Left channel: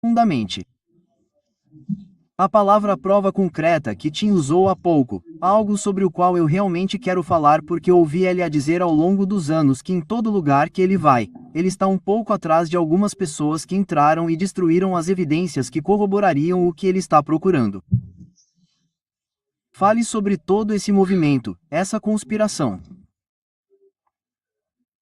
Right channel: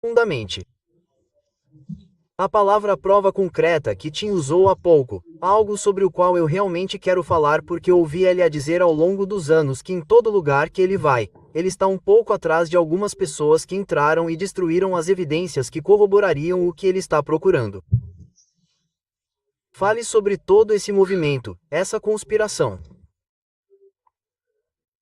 profundamente. A palavra prova concreta que Tim usou há pouco, algo sobre o qual eu realmente quero falar porque ouvi ele a dizer ao longo dos anos que em todo lugar que ele vai, ele está um pouco atrás de algumas pessoas que entraram e destruíram as evidências que corroborariam o que ele está procurando. Fale sobre todo esse movimento, essa conspiração.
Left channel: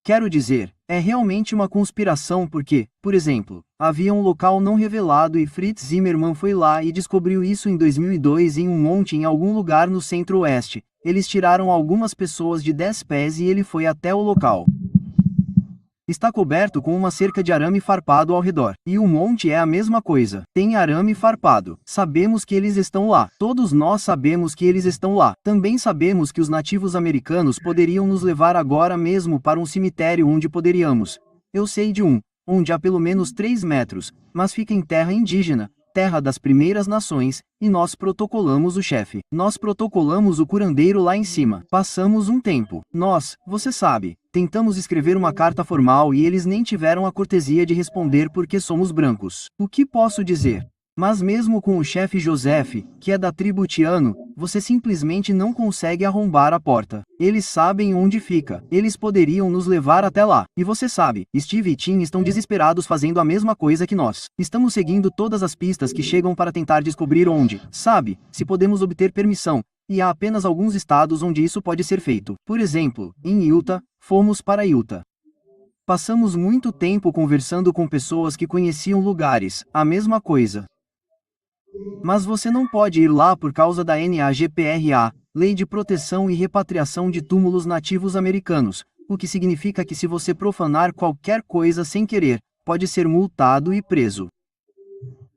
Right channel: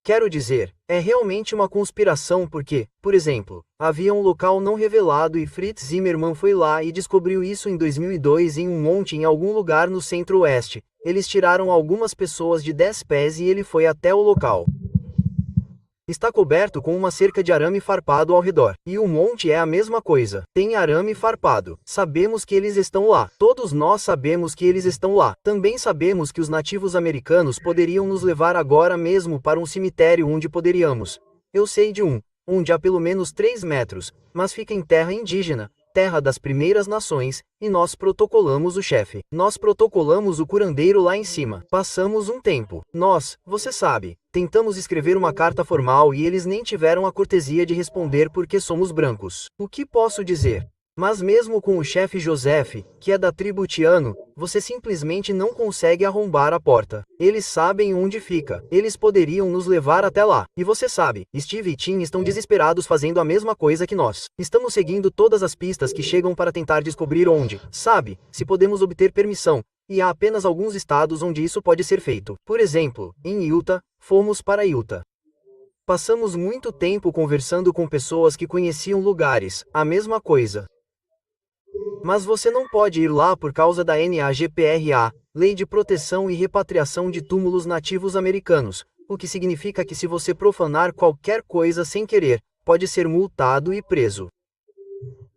Quero dizer, é realmente uma conspiração porque, por exemplo, havia um local não revelado e Fritz Zimmermann foi lá e descobriu isso em 2002 em um monte em algum lugar no centro-oeste. Eles tiraram algumas pessoas de 10 pés e ele foi até o local. Está coberto com uma cerca de arame farpado ao redor. E o monte é a mesma coisa. Tem arame farpado. Sabemos que eles estão lá. Todos nós sabemos que eles estão lá. Também sabemos que os nativos americanos poderiam nos levar agora mesmo para um cemitério onde poderíamos. Eu sei de um, onde há pelo menos 3 metros, mas fica em terra indígena, terra das primeiras nações, e nós protocolamos o chefe. Nós protocolamos o curandeiro lá em cima. Passamos um tempo. Você sabe, tentamos escrever uma carta formal e eles nem tiveram a cortesia de responder porque somos brancos. O que posso dizer? Mas mesmo com o chefe Joseph, que é da tribo Tiano, você simplesmente não consegue arrombar a porta. Eles sabem onde fica. Eles poderiam nos levar até lá. E você sabe, Steve e Tim estão desesperados fazendo a mesma coisa que nós. Estamos seguindo todas as pistas que chegam para tentar descobrir onde, sabe, se podemos obter permissão. E há apenas alguns estados onde isso pode ser feito. Por exemplo, em Utah, fomos para Utah. Passamos muito tempo conversando com pessoas que conheciam lugares, a mesma coisa. Mas você não pode ir lá por causa da NAGPRA, Lei de Proteção e Repatriação de Túmulos Nativos Americanos, o que significa que se você profanar qualquer coisa sem querer, pode ser multado e preso.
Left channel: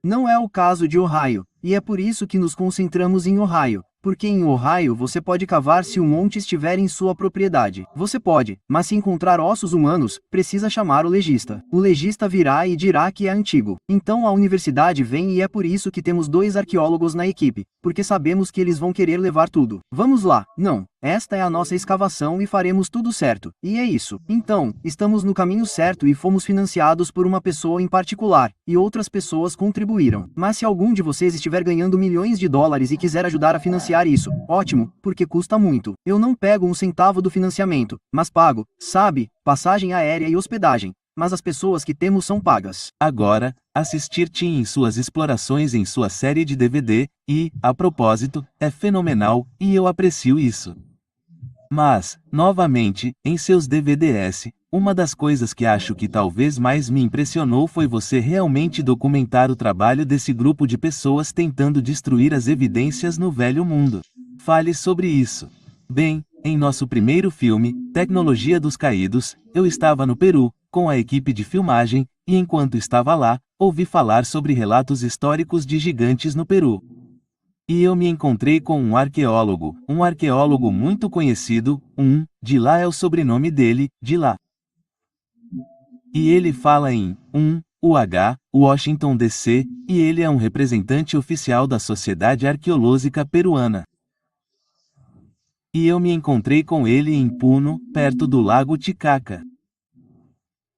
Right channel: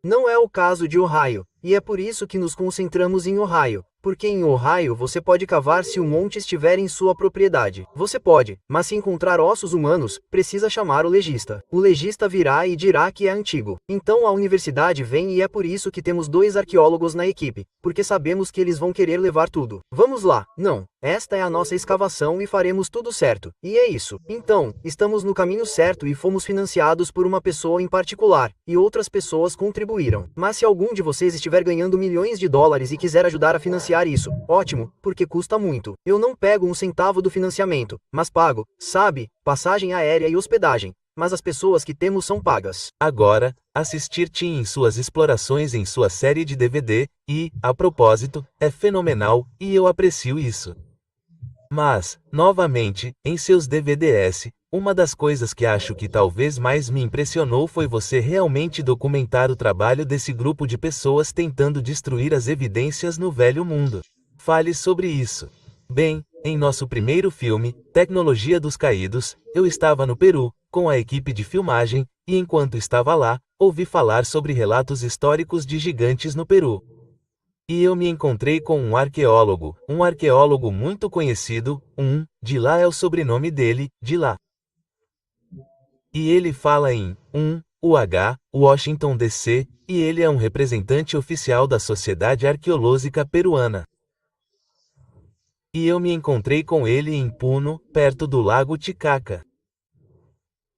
Não é o caso de Ohio, e é por isso que nos concentramos em Ohio, porque em Ohio você pode cavar se o monte estiver em sua propriedade. Você pode, mas se encontrar ossos humanos, precisa chamar o legista. O legista virá e dirá que é antigo. Então a universidade vem e é por isso que temos 2 arqueólogos na equipe, porque sabemos que eles vão querer levar tudo. Vamos lá, não. Esta é a nossa escavação e faremos tudo certo. E é isso. Então, estamos no caminho certo e fomos financiados por uma pessoa em particular, e outras pessoas contribuíram. Mas se algum de vocês estiver ganhando milhões de dólares e quiser ajudar a financiar isso, ótimo, porque custa muito. Eu não pego um centavo do financiamento, mas pago, sabe, passagem aérea e hospedagem. Mas as pessoas que temos são pagas. Agora, assistir Tim em suas explorações em sua série de DVD, e, a propósito, é fenomenal, e eu aprecio isso. Mas, novamente, em seus DVDs, uma das coisas que acho que talvez mais me impressionou foi você realmente documentar o trabalho desse grupo de pessoas tentando destruir as evidências no velho mundo. Fale sobre isso. Bem, em nosso primeiro filme, Tecnologia dos Caídos, eu estava no Peru, com a equipe de filmagem, e enquanto estava lá, ouvi falar sobre relatos históricos de gigantes no Peru. E eu me encontrei com um arqueólogo muito conhecido, de lá é o sobrenome dele, de lá. E ele fala em, Washington DC, e ele é um representante oficial da Sociedade Arqueológica Peruana. E eu me encontrei com ele em Puno, perto do Lago Titicaca.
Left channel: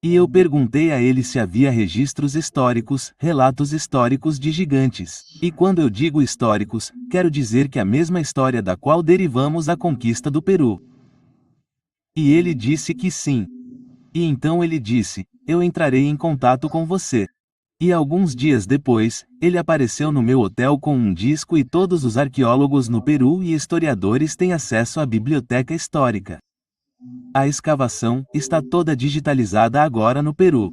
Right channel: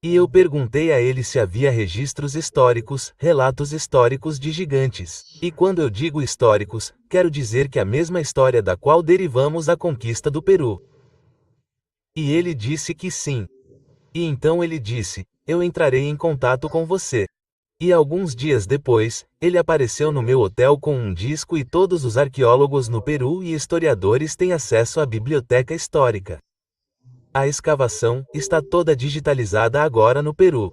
E eu perguntei a ele se havia registros históricos, relatos históricos de gigantes. E quando eu digo históricos, quero dizer que a mesma história da qual derivamos a conquista do Peru. E ele disse que sim. E então ele disse, eu entrarei em contato com você. E alguns dias depois, ele apareceu no meu hotel com um disco e todos os arqueólogos no Peru e historiadores têm acesso à biblioteca histórica. A escavação está toda digitalizada agora no Peru.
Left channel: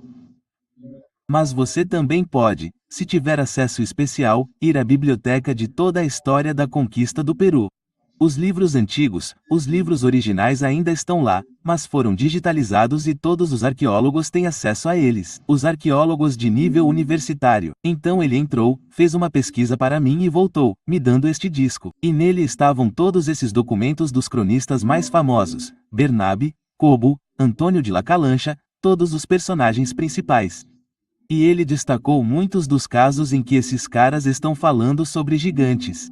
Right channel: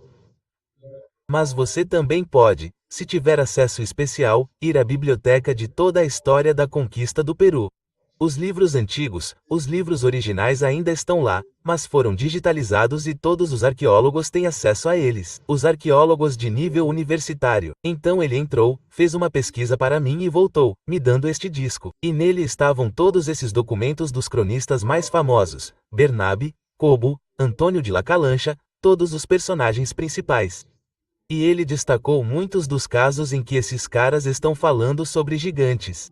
Mas você também pode, se tiver acesso especial, ir à biblioteca de toda a história da conquista do Peru. Os livros antigos, os livros originais ainda estão lá, mas foram digitalizados e todos os arqueólogos têm acesso a eles. Os arqueólogos de nível universitário. Então ele entrou, fez uma pesquisa para mim e voltou, me dando este disco. E nele estavam todos esses documentos dos cronistas mais famosos: Bernabe, Cobo, Antônio de La Calancha, todos os personagens principais. E ele destacou muitos dos casos em que esses caras estão falando sobre gigantes.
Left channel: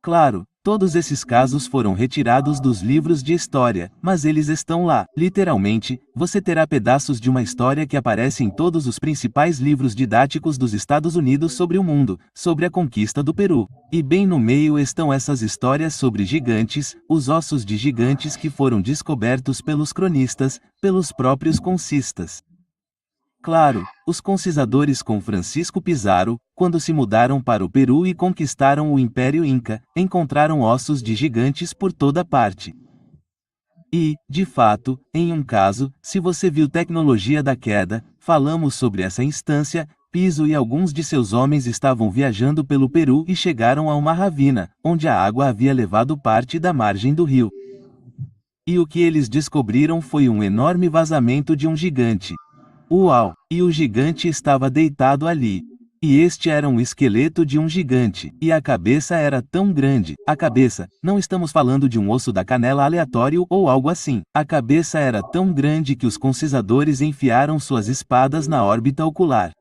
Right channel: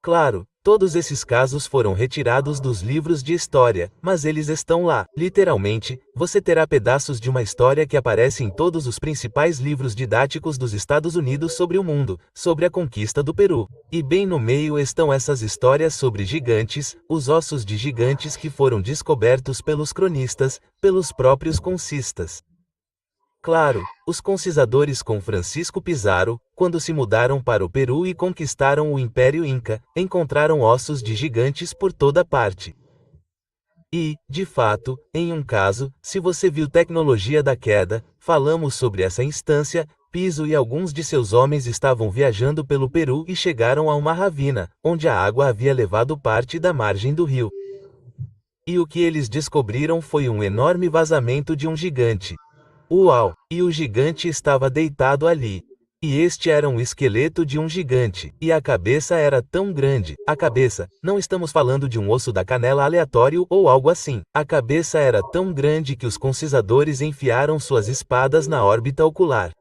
Claro, Todos esses casos foram retirados dos livros de história, mas eles estão lá. Literalmente, você terá pedaços de uma história que aparece em todos os principais livros didáticos dos Estados Unidos sobre o mundo, sobre a conquista do Peru. E bem no meio estão essas histórias sobre gigantes, os ossos de gigantes que foram descobertos pelos cronistas, pelos próprios conquistas. Claro, os conquistadores com Francisco Pizarro, quando se mudaram para o Peru e conquistaram o Império Inca, encontraram ossos de gigantes por toda parte. E, de fato, em um caso, se você viu Tecnologia da Queda, falamos sobre essa instância. Piso e alguns de seus homens estavam viajando pelo Peru e chegaram a uma ravina, onde a água havia levado parte da margem do rio. E o que eles descobriram foi um enorme vazamento de um gigante. Uau! E o gigante estava deitado ali. E este era um esqueleto de um gigante, e a cabeça era tão grande. A cabeça, não estamos falando de um osso da canela aleatório ou algo assim. A cabeça era tão grande que os conquistadores enfiaram suas espadas na órbita ocular.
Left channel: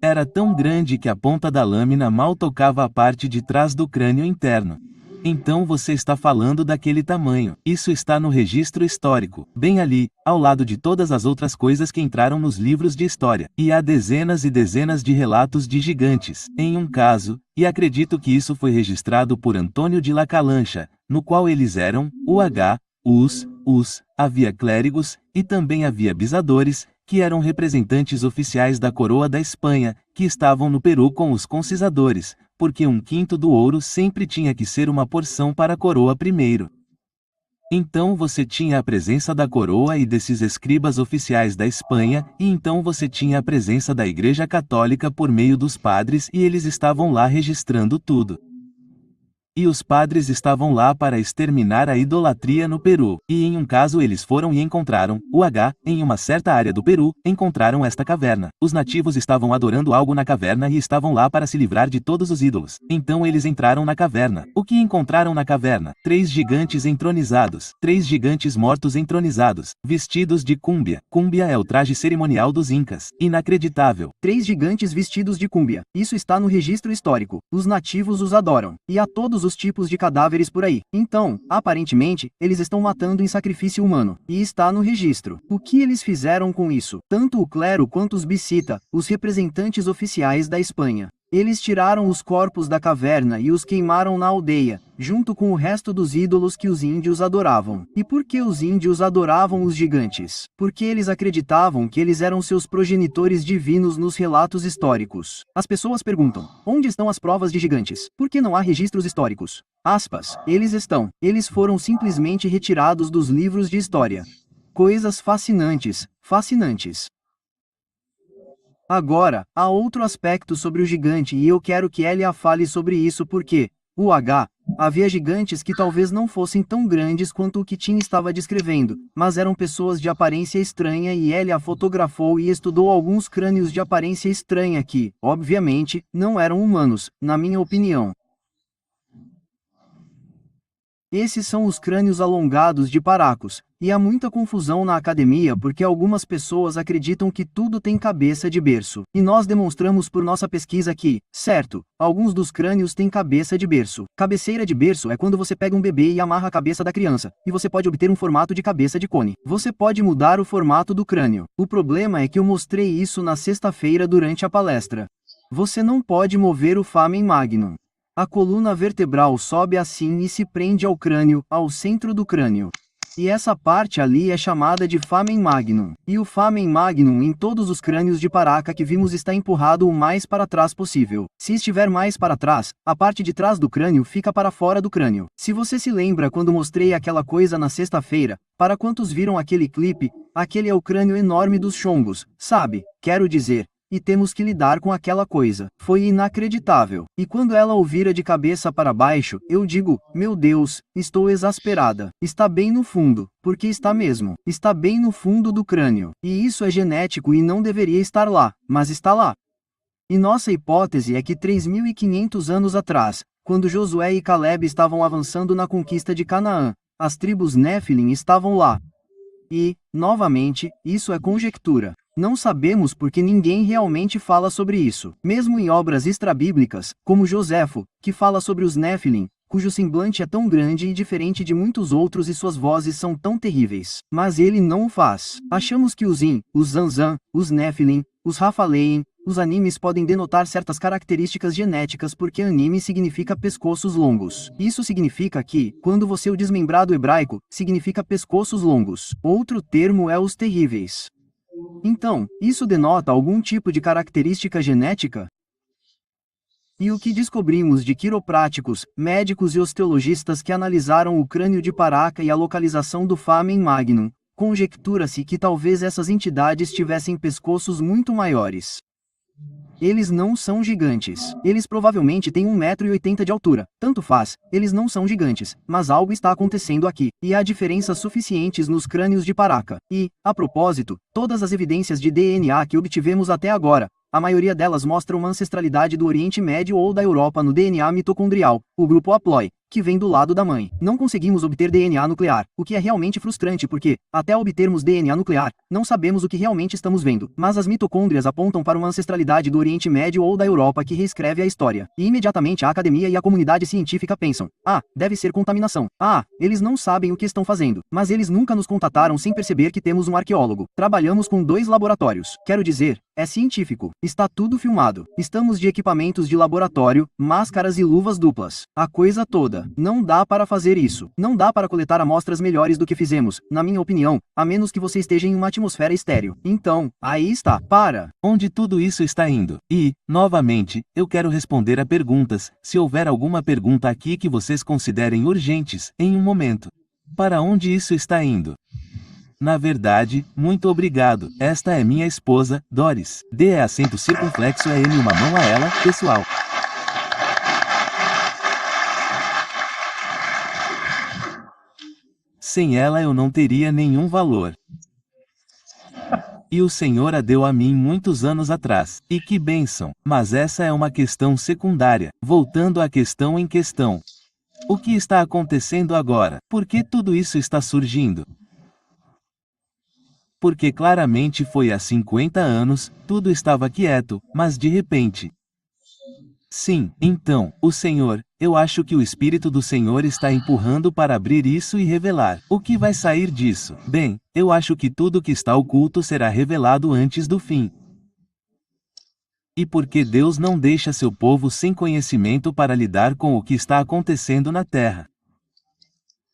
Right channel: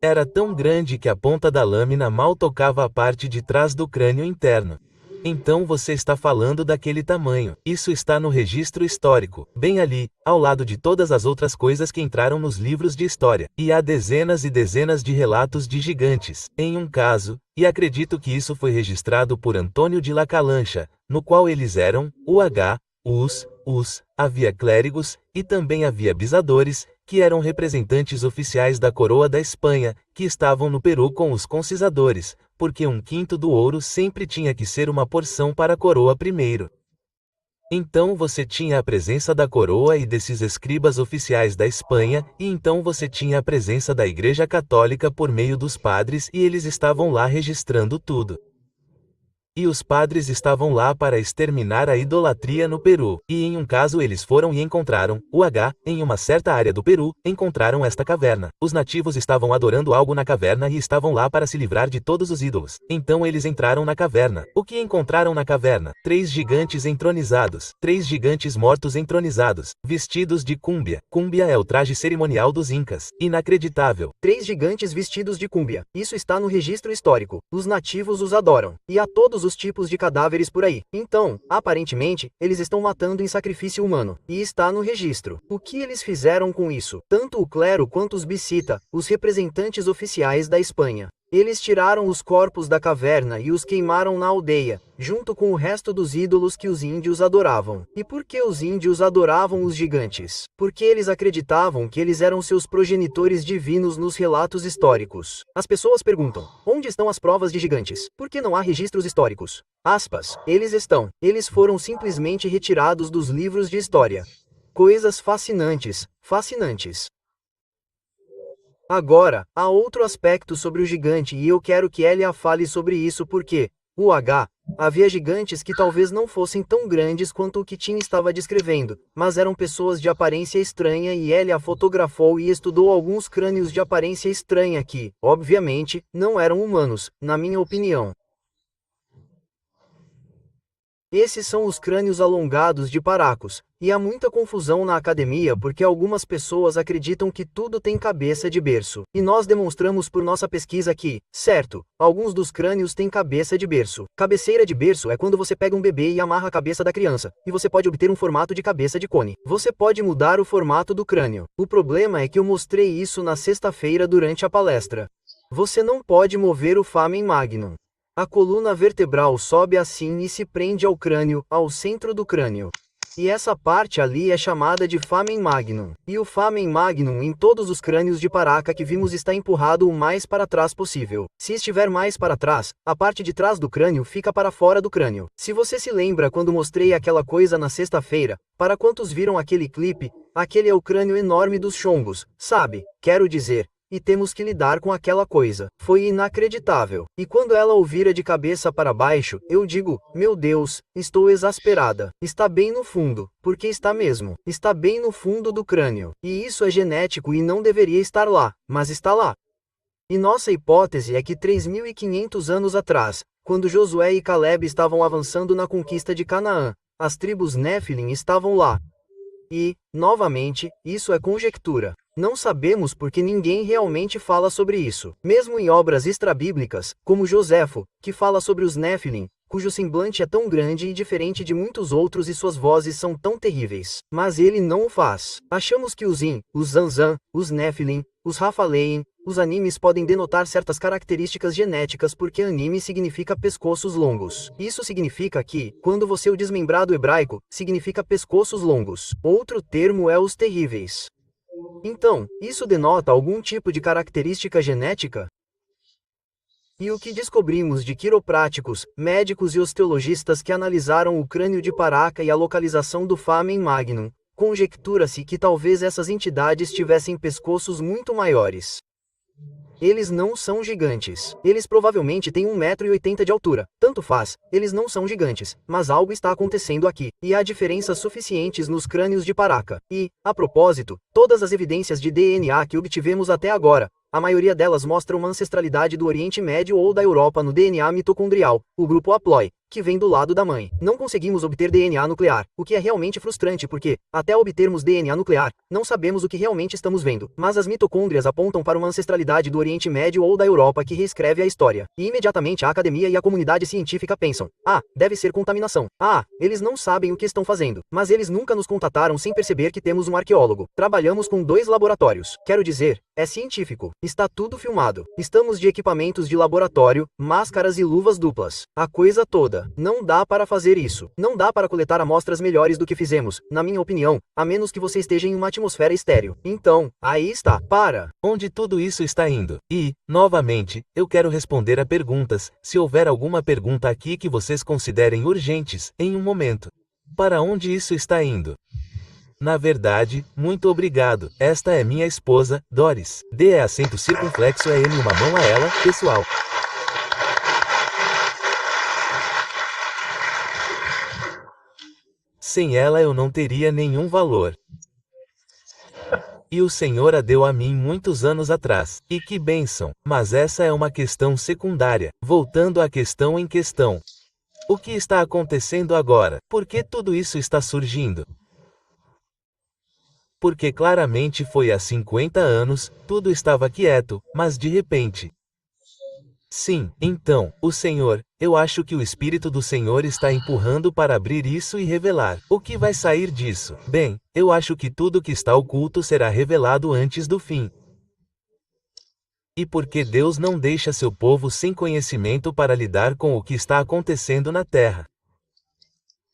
Era tão grande que a ponta da lâmina mal tocava a parte de trás do crânio interno. Então você está falando daquele tamanho. Isso está no registro histórico, bem ali, ao lado de todas as outras coisas que entraram nos livros de história. E há dezenas e dezenas de relatos de gigantes. Em um caso, e acredito que isso foi registrado por Antônio de La Calancha, no qual eles eram, havia clérigos, e também havia bisadores, que eram representantes oficiais da coroa da Espanha, que estavam no Peru com os conquistadores, porque 1/5 do ouro sempre tinha que ser uma porção para a coroa primeiro. Então você tinha a presença da coroa e desses escribas oficiais da Espanha, e então você tinha a presença da Igreja Católica por meio dos padres e eles estavam lá registrando tudo. E os padres estavam lá para exterminar a idolatria no Peru, e em um caso eles foram e encontraram, em uma certa área do Peru, encontraram esta caverna. Os nativos estavam adorando algo na caverna e estavam lá para se livrar de todos os ídolos. Então eles entraram na caverna. O que encontraram na caverna? 3 gigantes entronizados, 3 gigantes mortos entronizados, vestidos de cúmbia. Cúmbia é o traje cerimonial dos incas. Inacreditável. 3 gigantes vestidos de cúmbia. Isso está no registro histórico. Os nativos os adoram. E há todos os tipos de cadáveres por aí. Então, aparentemente, eles estão matando em sacrifício humano. E está no registro. O que eles fizeram com isso? Tanto o clero quanto os bisita, os representantes oficiais da Espanha. Eles tiraram os corpos da caverna e os queimaram na aldeia, junto com o resto dos ídolos que os índios adoravam. E por que os índios adoravam os gigantes? Porque eles acreditavam que eles eram seus progenitores divinos nos relatos históricos. As pessoas perguntam, onde estão as provas de gigantes? Por que não há registros históricos? Aspas, eles estão. Eles foram simplesmente retirados dos livros de história. Coisas fascinantes, fascinantes. Agora, há outro aspecto sobre o gigante e eu quero que Elia fale sobre isso porque, havia gigantes que talvez não fossem tão grandes quanto o que Tim estava descrevendo, mas eram pessoas de aparência estranha e Elia fotografou e estudou alguns crânios de aparência estranha que, obviamente, não eram humanos, na minha opinião. Esses são os crânios alongados de Paracos, e há muita confusão na academia porque algumas pessoas acreditam que tudo tem cabeça de berço. E nós demonstramos por nossa pesquisa que, certo, alguns dos crânios têm cabeça de berço. Cabeceira de berço é quando você pega um bebê e amarra a cabeça da criança, e você pode obter um formato de cabeça de cone. Você pode mudar o formato do crânio. O problema é que eu mostrei isso na sexta-feira durante a palestra. Você não pode mover o Foramen Magnum. A coluna vertebral sobe assim e se prende ao crânio, ao centro do crânio. E essa parte ali é chamada de Foramen Magnum. E o Foramen Magnum em todos os crânios de Paraca que vimos está empurrado o mais para trás possível. Se estiver mais para trás, a parte de trás do crânio fica para fora do crânio. Se você se lembra quando mostrei aquela coisa na sexta-feira, para quantos viram aquele clipe, aquele é o crânio enorme dos chongos, sabe? Quero dizer. E temos que lidar com aquela coisa. Foi inacreditável. E quando ela o vira de cabeça para baixo, eu digo, meu Deus, estou exasperada. Está bem no fundo, porque está mesmo. Está bem no fundo do crânio. E isso é genético e não deveria estar lá, mas está lá. E nossa hipótese é que 3.500 anos atrás, quando Josué e Caleb estavam avançando na conquista de Canaã, as tribos Néfilim estavam lá. E, novamente, isso é conjectura. Não sabemos porque ninguém realmente fala sobre isso. Mesmo em obras extrabíblicas, como Joséfo, que fala sobre os Néfilim, cujo semblante é tão grande e diferente de muitos outros e suas vozes são tão terríveis. Mas ele não o faz. Achamos que os In, os Zanzan, os Nephilim, os Raphalim, os animes podem denotar certas características genéticas porque anime significa pescoços longos. Isso significa que, quando você o desmembrado hebraico, significa pescoços longos. Outro termo é os terríveis. Então, isso denota algum tipo de característica genética? E o que descobrimos de quiropráticos, médicos e osteologistas que analisaram o crânio de Paraka e a localização do Famen Magnum? Conjectura-se que talvez essas entidades tivessem pescoços muito maiores. Eles não são gigantes. Eles provavelmente têm 1,80 m de altura. Tanto faz, eles não são gigantes, mas algo está acontecendo aqui, e há diferenças suficientes nos crânios de Paraka. E, a propósito, todas as evidências de DNA que obtivemos até agora, a maioria delas mostra uma ancestralidade do Oriente Médio ou da Europa no DNA mitocondrial, o grupo haplói, que vem do lado da mãe. Não conseguimos obter DNA nuclear, o que é realmente frustrante porque, até obtermos DNA nuclear, não sabemos o que realmente estamos vendo. Mas as mitocôndrias apontam para uma ancestralidade do Oriente Médio ou da Europa que reescreve a história. E imediatamente a academia e a comunidade científica pensam: ah, deve ser contaminação. Ah, eles não sabem o que estão fazendo. Mas eles nunca nos contataram sem perceber que temos um arqueólogo. Trabalhamos com 2 laboratórios. Quero dizer, é científico. Está tudo filmado. Estamos de equipamentos de laboratório, máscaras e luvas duplas. A coisa toda. Não dá para fazer isso. Não dá para coletar amostras melhores do que fizemos, na minha opinião, a menos que você esteja em uma atmosfera estéril. Então, aí está. Para. Onde tudo isso está indo? E, novamente, eu quero responder a perguntas, se houver alguma pergunta aqui que vocês considerem urgentes, em um momento. Para onde isso está indo? Na verdade, muito obrigado. Esta é minha esposa, Doris. D é acento circunflexo é M uma mão a ela, pessoal. Sem ela eu não teria nenhum valor. E o Senhor a deu a mim muitos anos atrás. E que bênção! Mas essa é uma questão secundária. Voltando à questão em questão. O que está acontecendo agora? Por que tudo isso está surgindo? Porque claramente foi há 50 anos, tudo estava quieto, mas de repente. Sim, então, o Senhor, eu acho que o Espírito do Senhor está empurrando para abrir isso e revelar. O que vai sair disso? Bem, eu acho que tudo que está oculto será revelado antes do fim. E porque Deus não deixa seu povo sem conhecimento para lidar com o que está acontecendo na terra.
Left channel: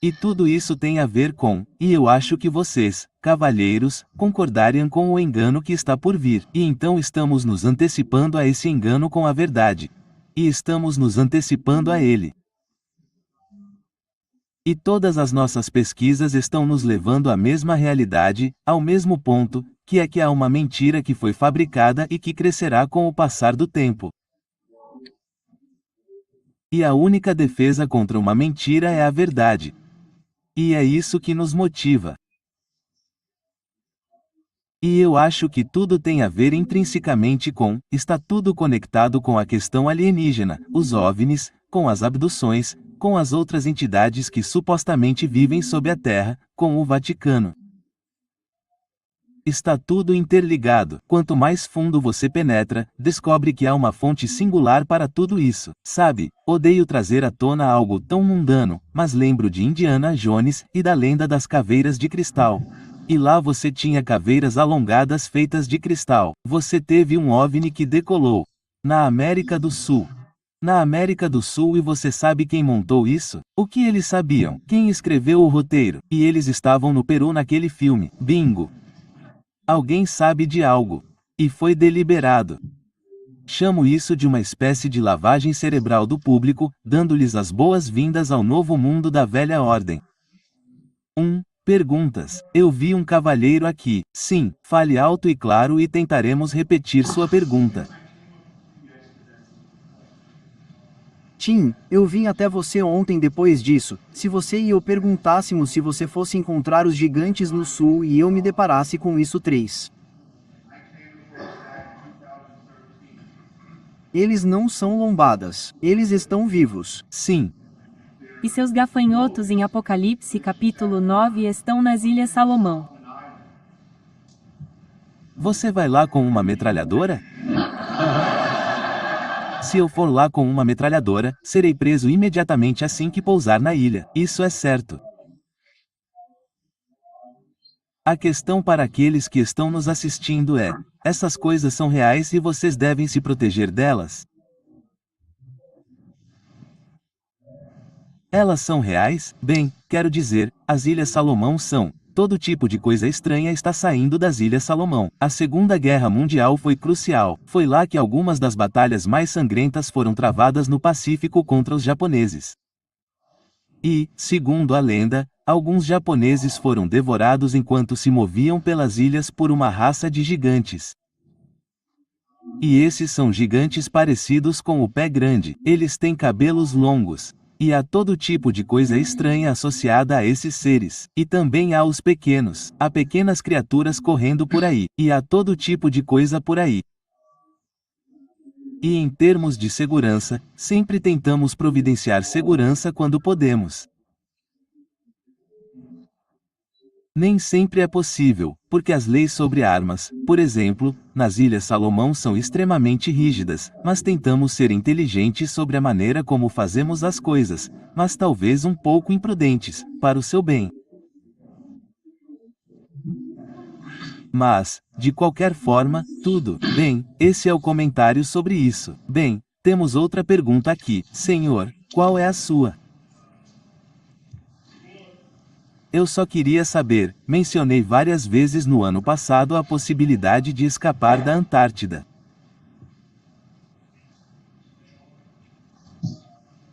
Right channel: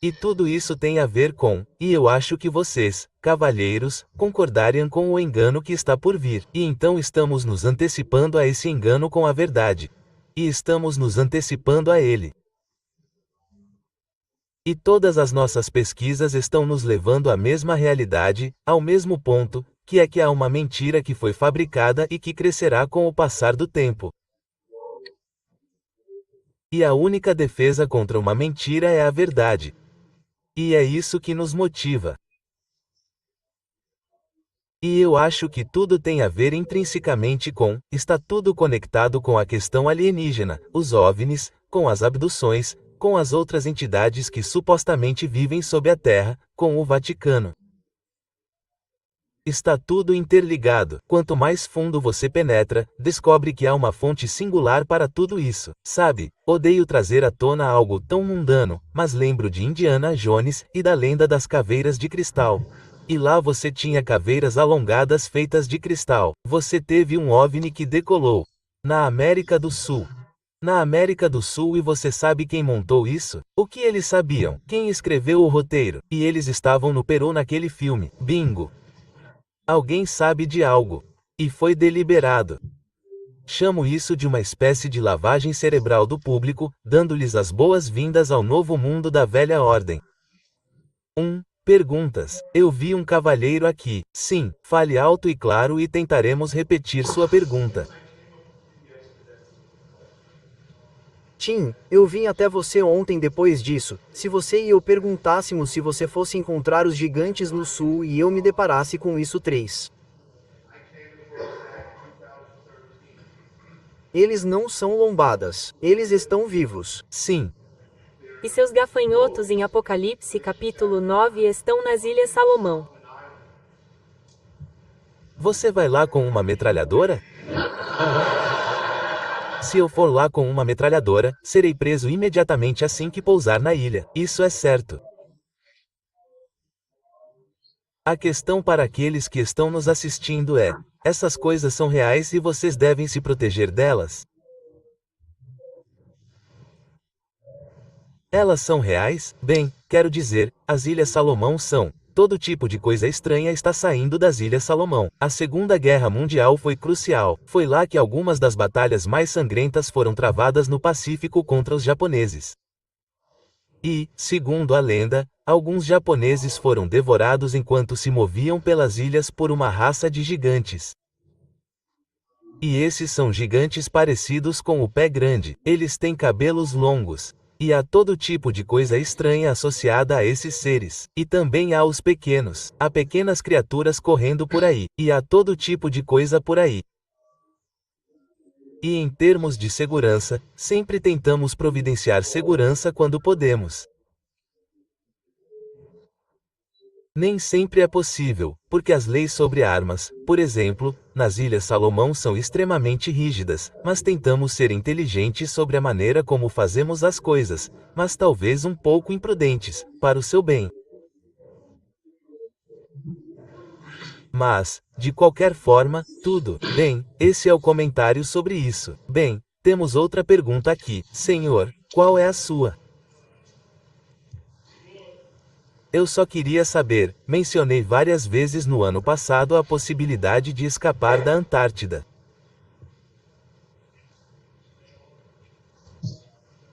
E tudo isso tem a ver com, e eu acho que vocês, cavalheiros, concordariam com o engano que está por vir. E então estamos nos antecipando a esse engano com a verdade. E estamos nos antecipando a ele. E todas as nossas pesquisas estão nos levando à mesma realidade, ao mesmo ponto, que é que há uma mentira que foi fabricada e que crescerá com o passar do tempo. E a única defesa contra uma mentira é a verdade. E é isso que nos motiva. E eu acho que tudo tem a ver intrinsecamente com, está tudo conectado com a questão alienígena, os OVNIs, com as abduções, com as outras entidades que supostamente vivem sob a Terra, com o Vaticano. Está tudo interligado. Quanto mais fundo você penetra, descobre que há uma fonte singular para tudo isso. Sabe, odeio trazer à tona algo tão mundano, mas lembro de Indiana Jones e da lenda das caveiras de cristal. E lá você tinha caveiras alongadas feitas de cristal. Você teve um OVNI que decolou. Na América do Sul. Na América do Sul, e você sabe quem montou isso? O que eles sabiam? Quem escreveu o roteiro? E eles estavam no Peru naquele filme. Bingo! Alguém sabe de algo. E foi deliberado. Chamo isso de uma espécie de lavagem cerebral do público, dando-lhes as boas-vindas ao novo mundo da velha ordem. Perguntas. Eu vi um cavalheiro aqui. Sim, fale alto e claro e tentaremos repetir sua pergunta. Tim, eu vim até você ontem depois disso. Se você e eu perguntássemos se você fosse encontrar os gigantes no sul e eu me deparasse com isso 3. Eles não são lombadas. Eles estão vivos. Sim. E seus gafanhotos em Apocalipse capítulo 9 estão nas Ilhas Salomão. Você vai lá com uma metralhadora? Se eu for lá com uma metralhadora, serei preso imediatamente assim que pousar na ilha. Isso é certo. A questão para aqueles que estão nos assistindo é: essas coisas são reais e vocês devem se proteger delas? Elas são reais? Bem, quero dizer, as Ilhas Salomão são. Todo tipo de coisa estranha está saindo das Ilhas Salomão. A Segunda Guerra Mundial foi crucial. Foi lá que algumas das batalhas mais sangrentas foram travadas no Pacífico contra os japoneses. E, segundo a lenda, alguns japoneses foram devorados enquanto se moviam pelas ilhas por uma raça de gigantes. E esses são gigantes parecidos com o pé grande. Eles têm cabelos longos. E há todo tipo de coisa estranha associada a esses seres. E também há os pequenos. Há pequenas criaturas correndo por aí. E há todo tipo de coisa por aí. E em termos de segurança, sempre tentamos providenciar segurança quando podemos. Nem sempre é possível, porque as leis sobre armas, por exemplo, nas Ilhas Salomão são extremamente rígidas, mas tentamos ser inteligentes sobre a maneira como fazemos as coisas, mas talvez um pouco imprudentes, para o seu bem. Mas, de qualquer forma, tudo bem, esse é o comentário sobre isso. Bem, temos outra pergunta aqui. Senhor, qual é a sua? Eu só queria saber, mencionei várias vezes no ano passado a possibilidade de escapar da Antártida.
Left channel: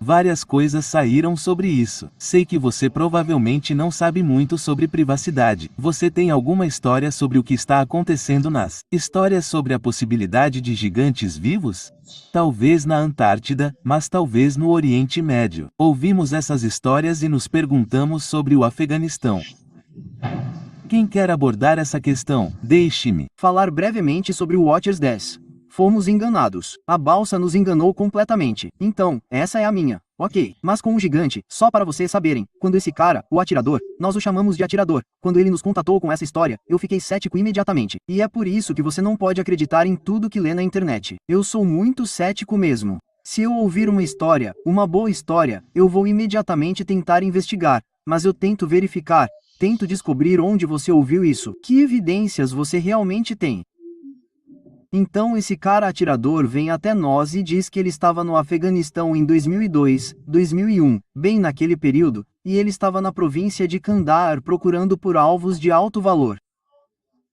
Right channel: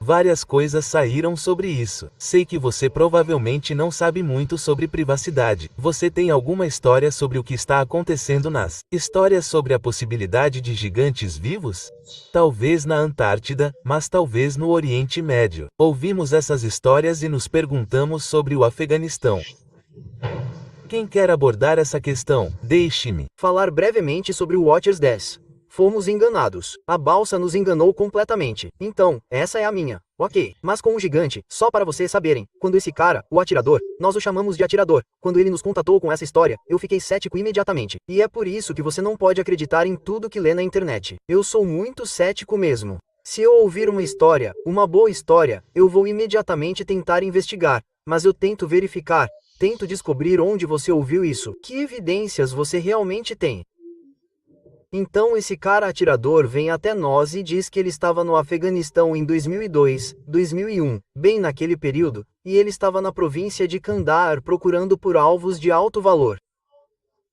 Várias coisas saíram sobre isso. Sei que você provavelmente não sabe muito sobre privacidade. Você tem alguma história sobre o que está acontecendo nas histórias sobre a possibilidade de gigantes vivos? Talvez na Antártida, mas talvez no Oriente Médio. Ouvimos essas histórias e nos perguntamos sobre o Afeganistão. Quem quer abordar essa questão? Deixe-me falar brevemente sobre o Watchers 10. Fomos enganados. A balsa nos enganou completamente. Então, essa é a minha. Ok. Mas com o gigante, só para vocês saberem, quando esse cara, o atirador, nós o chamamos de atirador, quando ele nos contatou com essa história, eu fiquei cético imediatamente. E é por isso que você não pode acreditar em tudo que lê na internet. Eu sou muito cético mesmo. Se eu ouvir uma história, uma boa história, eu vou imediatamente tentar investigar, mas eu tento verificar, tento descobrir onde você ouviu isso, que evidências você realmente tem. Então esse cara atirador vem até nós e diz que ele estava no Afeganistão em 2002, 2001, bem naquele período, e ele estava na província de Kandahar procurando por alvos de alto valor.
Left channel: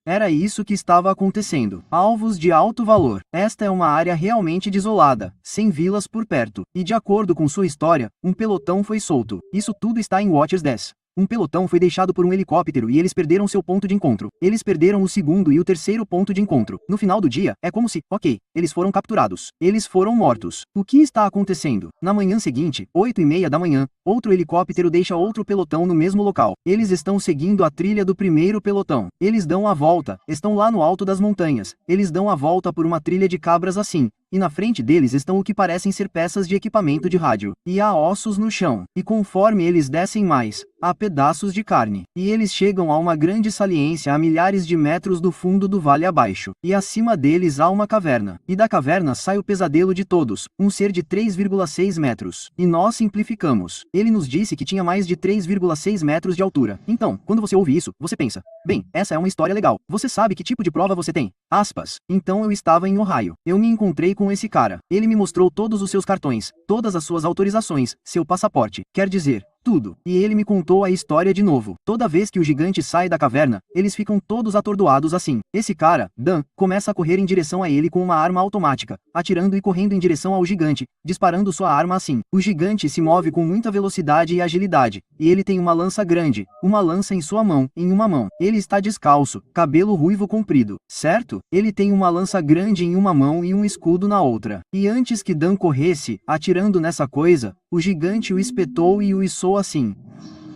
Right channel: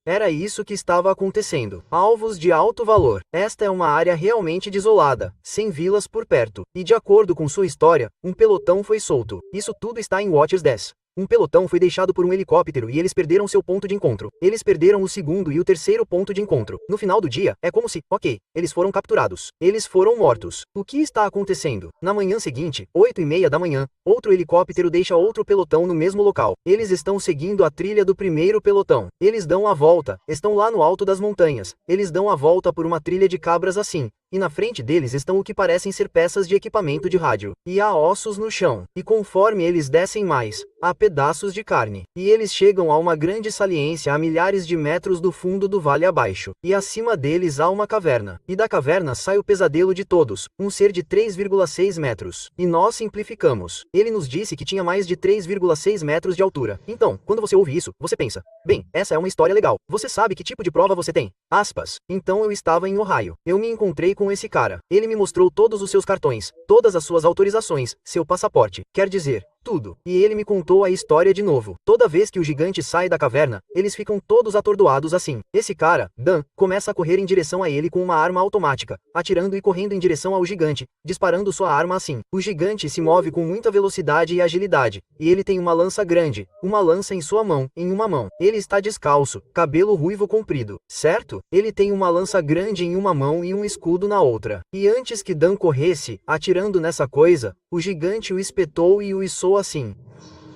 Era isso que estava acontecendo. Alvos de alto valor. Esta é uma área realmente desolada, sem vilas por perto. E de acordo com sua história, um pelotão foi solto. Isso tudo está em Watchers 10. Um pelotão foi deixado por um helicóptero e eles perderam seu ponto de encontro. Eles perderam o segundo e o terceiro ponto de encontro. No final do dia, é como se, ok, eles foram capturados. Eles foram mortos. O que está acontecendo? Na manhã seguinte, 8:30 da manhã, outro helicóptero deixa outro pelotão no mesmo local. Eles estão seguindo a trilha do primeiro pelotão. Eles dão a volta, estão lá no alto das montanhas. Eles dão a volta por uma trilha de cabras assim. E na frente deles estão o que parecem ser peças de equipamento de rádio. E há ossos no chão. E conforme eles descem mais, há pedaços de carne. E eles chegam a uma grande saliência a milhares de metros do fundo do vale abaixo. E acima deles há uma caverna. E da caverna sai o pesadelo de todos, um ser de 3,6 metros. E nós simplificamos. Ele nos disse que tinha mais de 3,6 metros de altura. Então, quando você ouve isso, você pensa, bem, essa é uma história legal. Você sabe que tipo de prova você tem? Aspas. Então eu estava em Ohio. Eu me encontrei com esse cara. Ele me mostrou todos os seus cartões, todas as suas autorizações, seu passaporte, quer dizer, tudo. E ele me contou a história de novo. Toda vez que o gigante sai da caverna, eles ficam todos atordoados assim. Esse cara, Dan, começa a correr em direção a ele com uma arma automática, atirando e correndo em direção ao gigante, disparando sua arma assim. O gigante se move com muita velocidade e agilidade, e ele tem uma lança grande, uma lança em sua mão, em uma mão. Ele está descalço, cabelo ruivo comprido, certo? Ele tem uma lança grande em uma mão e um escudo na outra. E antes que Dan corresse, atirando nessa coisa, o gigante o espetou e o içou assim.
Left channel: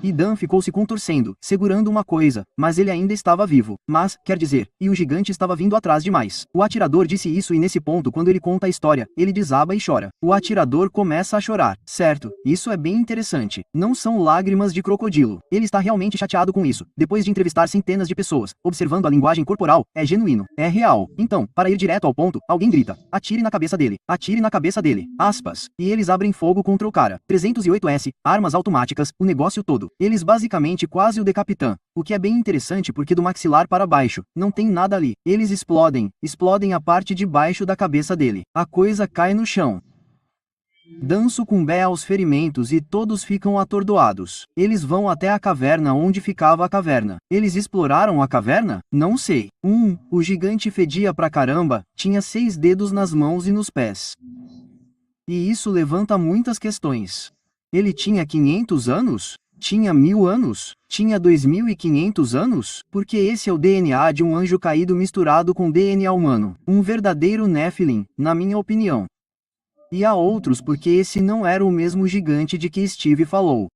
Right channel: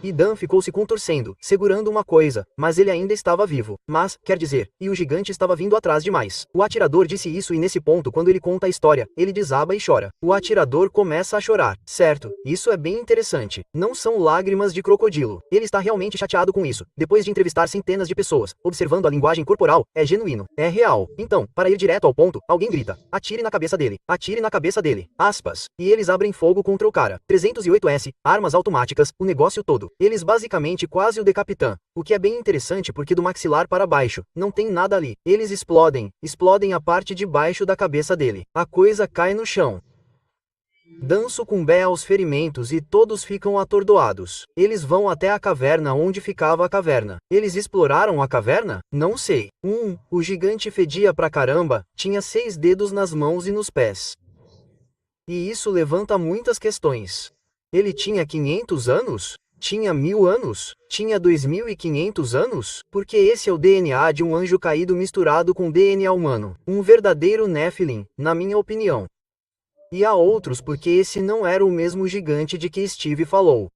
e Dan ficou se contorcendo, segurando uma coisa, mas ele ainda estava vivo. Mas, quer dizer, e o gigante estava vindo atrás demais. O atirador disse isso e nesse ponto quando ele conta a história, ele desaba e chora. O atirador começa a chorar. Certo, isso é bem interessante. Não são lágrimas de crocodilo. Ele está realmente chateado com isso. Depois de entrevistar centenas de pessoas, observando a linguagem corporal, é genuíno. É real. Então, para ir direto ao ponto, alguém grita: atire na cabeça dele. Atire na cabeça dele. Aspas. E eles abrem fogo contra o cara. 308S, armas automáticas, o negócio todo. Eles basicamente quase o decapitam. O que é bem interessante porque do maxilar para baixo, não tem nada ali. Eles explodem a parte de baixo da cabeça dele. A coisa cai no chão. Dan sucumbe aos ferimentos e todos ficam atordoados. Eles vão até a caverna onde ficava a caverna. Eles exploraram a caverna? Não sei. O gigante fedia pra caramba, tinha 6 dedos nas mãos e nos pés. E isso levanta muitas questões. Ele tinha 500 anos? Tinha 1000 anos? Tinha 2500 anos? Porque esse é o DNA de um anjo caído misturado com DNA humano. Um verdadeiro Nephilim, na minha opinião. E há outros porque esse não era o mesmo gigante de que Steve falou.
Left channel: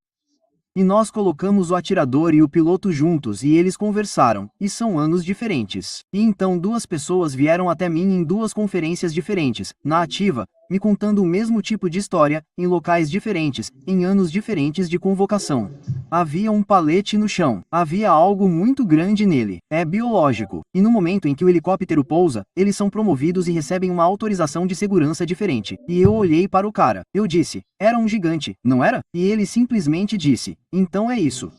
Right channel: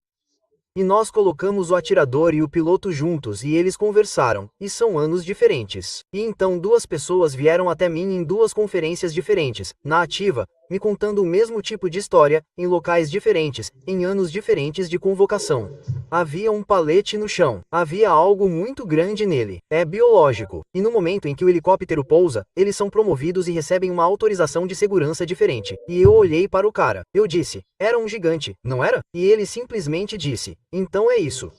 E nós colocamos o atirador e o piloto juntos e eles conversaram, e são anos diferentes. E então 2 pessoas vieram até mim em 2 conferências diferentes, na ativa, me contando o mesmo tipo de história, em locais diferentes, em anos diferentes de convocação. Havia um palete no chão. Havia algo muito grande nele. É biológico. E no momento em que o helicóptero pousa, eles são promovidos e recebem uma autorização de segurança diferente. E eu olhei para o cara. Eu disse: era um gigante, não era? E ele simplesmente disse: então é isso.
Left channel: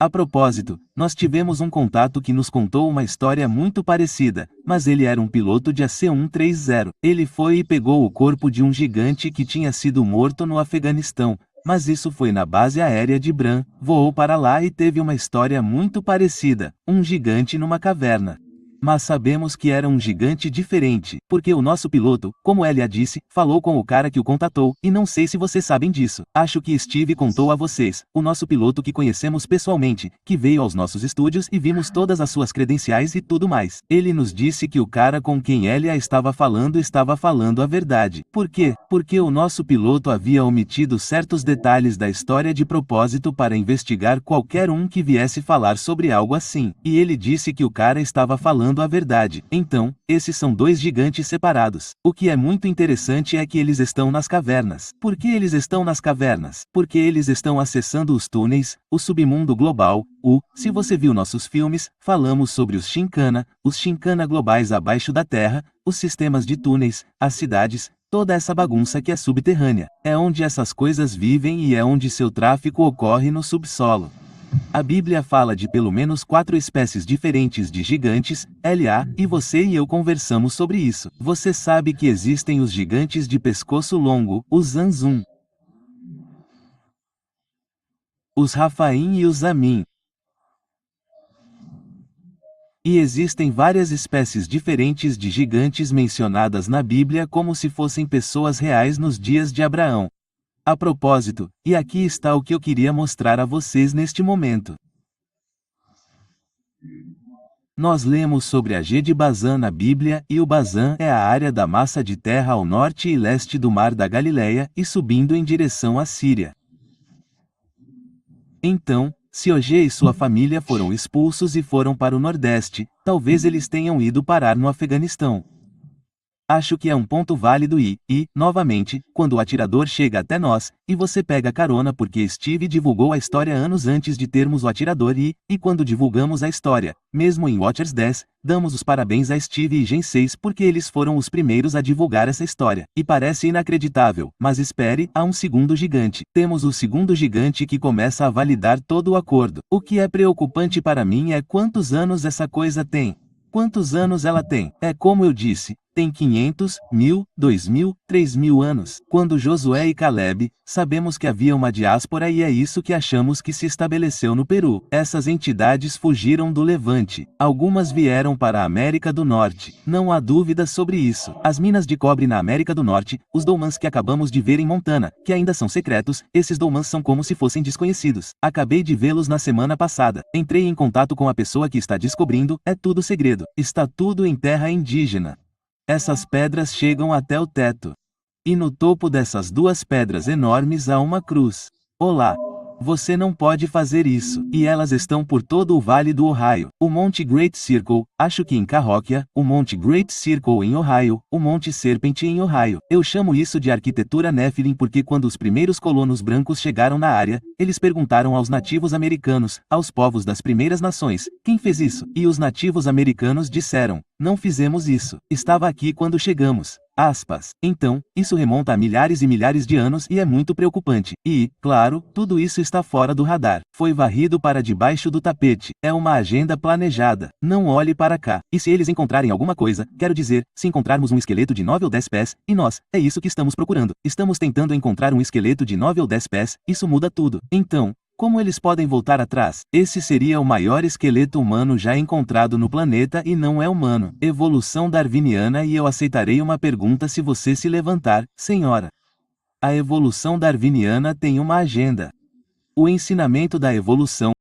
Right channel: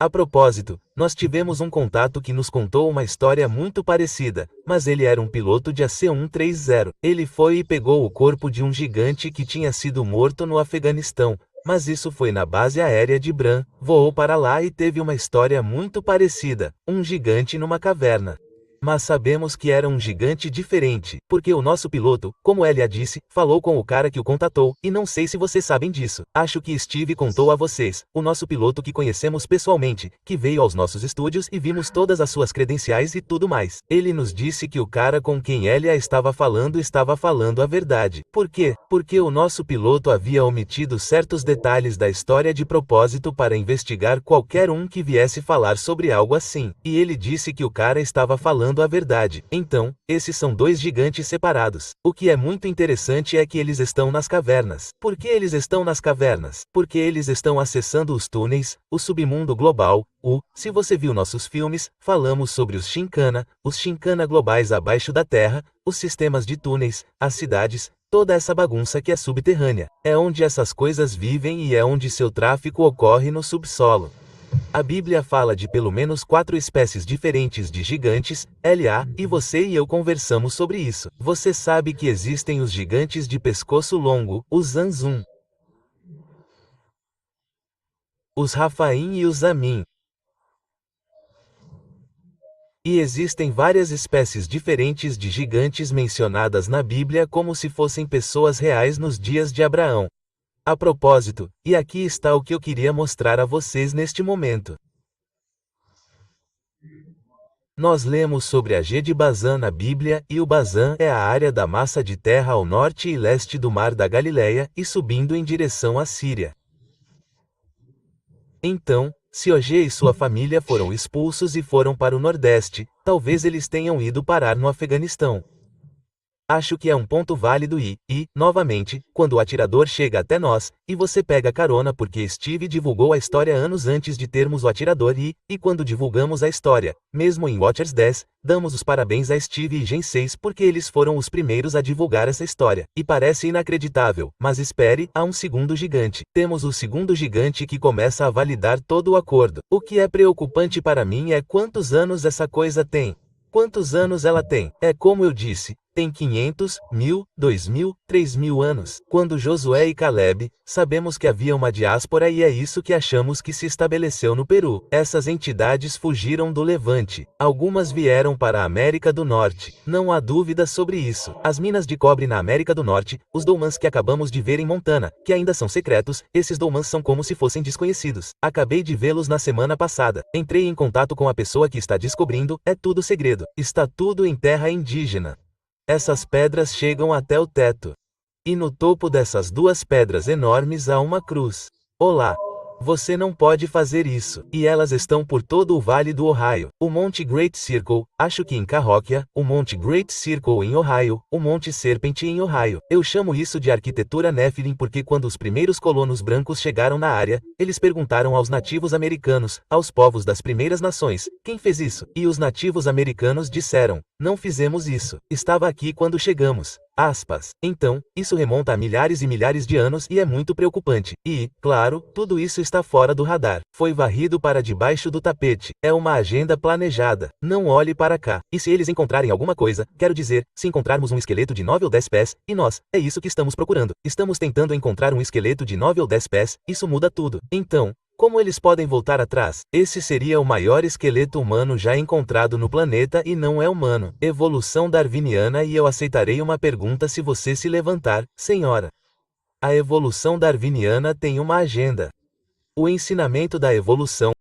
A propósito, nós tivemos um contato que nos contou uma história muito parecida, mas ele era um piloto de AC-130. Ele foi e pegou o corpo de um gigante que tinha sido morto no Afeganistão, mas isso foi na base aérea de Bran, voou para lá e teve uma história muito parecida, um gigante numa caverna. Mas sabemos que era um gigante diferente, porque o nosso piloto, como Elia disse, falou com o cara que o contatou, e não sei se vocês sabem disso. Acho que Steve contou a vocês, o nosso piloto que conhecemos pessoalmente, que veio aos nossos estúdios e vimos todas as suas credenciais e tudo mais. Ele nos disse que o cara com quem Elia estava falando a verdade. Por quê? Porque o nosso piloto havia omitido certos detalhes da história de propósito para investigar qualquer um que viesse falar sobre algo assim. E ele disse que o cara estava falando a verdade. Então, esses são 2 gigantes separados. O que é muito interessante é que eles estão nas cavernas. Por que eles estão nas cavernas? Porque eles estão acessando os túneis, o submundo global. Se você viu nossos filmes, falamos sobre os Shinkana globais abaixo da Terra, os sistemas de túneis, as cidades, toda essa bagunça que é subterrânea. É onde essas coisas vivem e é onde seu tráfico ocorre no subsolo. A Bíblia fala de pelo menos 4 espécies diferentes de gigantes, L.A., e você e eu conversamos sobre isso. Você sabe que existem os gigantes de pescoço longo, os Zanzum, os Rafaim e os Amin. E existem várias espécies diferentes de gigantes mencionadas na Bíblia como se fossem pessoas reais nos dias de Abraão. A propósito, e aqui está o que eu queria mostrar a vocês neste momento. Nós lemos sobre a G de Bazã na Bíblia, e o Bazã é a área da massa de terra ao norte e leste do Mar da Galileia, e subindo em direção à Síria. Então, se Og e sua família foram expulsos e foram para o nordeste, talvez eles tenham ido parar no Afeganistão. Acho que é um ponto válido novamente, quando o atirador chega até nós, e você pega carona porque Steve divulgou a história anos antes de termos o atirador e quando divulgamos a história, mesmo em Watchers 10, damos os parabéns a Steve e Gen 6 porque eles foram os primeiros a divulgar essa história. E parece inacreditável, mas espere, há um segundo gigante. Temos o segundo gigante que começa a validar todo o acordo. O que é preocupante para mim é quantos anos essa coisa tem. Quantos anos ela tem? É como eu disse, tem 500, 1000, 2000, 3000 anos. Quando Josué e Caleb, sabemos que havia uma diáspora e é isso que achamos que se estabeleceu no Peru. Essas entidades fugiram do Levante. Algumas vieram para a América do Norte. Não há dúvida sobre isso. As minas de cobre na América do Norte, os Dolmans que acabamos de ver em Montana, que ainda são secretos, esses Dolmans são como se fossem desconhecidos. Acabei de vê-los na semana passada. Entrei em contato com a pessoa que está descobrindo, é tudo segredo. Está tudo em terra indígena. Essas pedras chegam até o teto. E no topo dessas 2 pedras enormes há uma cruz. Olá! Você não pode fazer isso. E elas estão por todo o Vale do Ohio. O Monte Great Circle, acho que em Cahokia, o Monte Great Circle em Ohio, o Monte Serpent em Ohio. Eu chamo isso de arquitetura Nephilim porque quando os primeiros colonos brancos chegaram na área, eles perguntaram aos nativos americanos, aos povos das primeiras nações, quem fez isso? E os nativos americanos disseram, não fizemos isso. Estava aqui quando chegamos. Aspas. Então, isso remonta a milhares e milhares de anos e é muito preocupante. E, claro, tudo isso está fora do radar. Foi varrido para debaixo do tapete. É uma agenda planejada. Não olhe para cá. E se eles encontrarem alguma coisa, quero dizer, se encontrarmos um esqueleto de 9 ou 10 pés, e nós, é isso que estamos procurando. Estamos tentando encontrar um esqueleto de 9 ou 10 pés, isso muda tudo. Então, como eles podem voltar atrás? Esse seria o maior esqueleto humano já encontrado no planeta e não é humano. Evolução darwiniana e eu aceitarei uma pergunta se você se levantar, senhora. A evolução darwiniana tem uma agenda. O ensinamento da evolução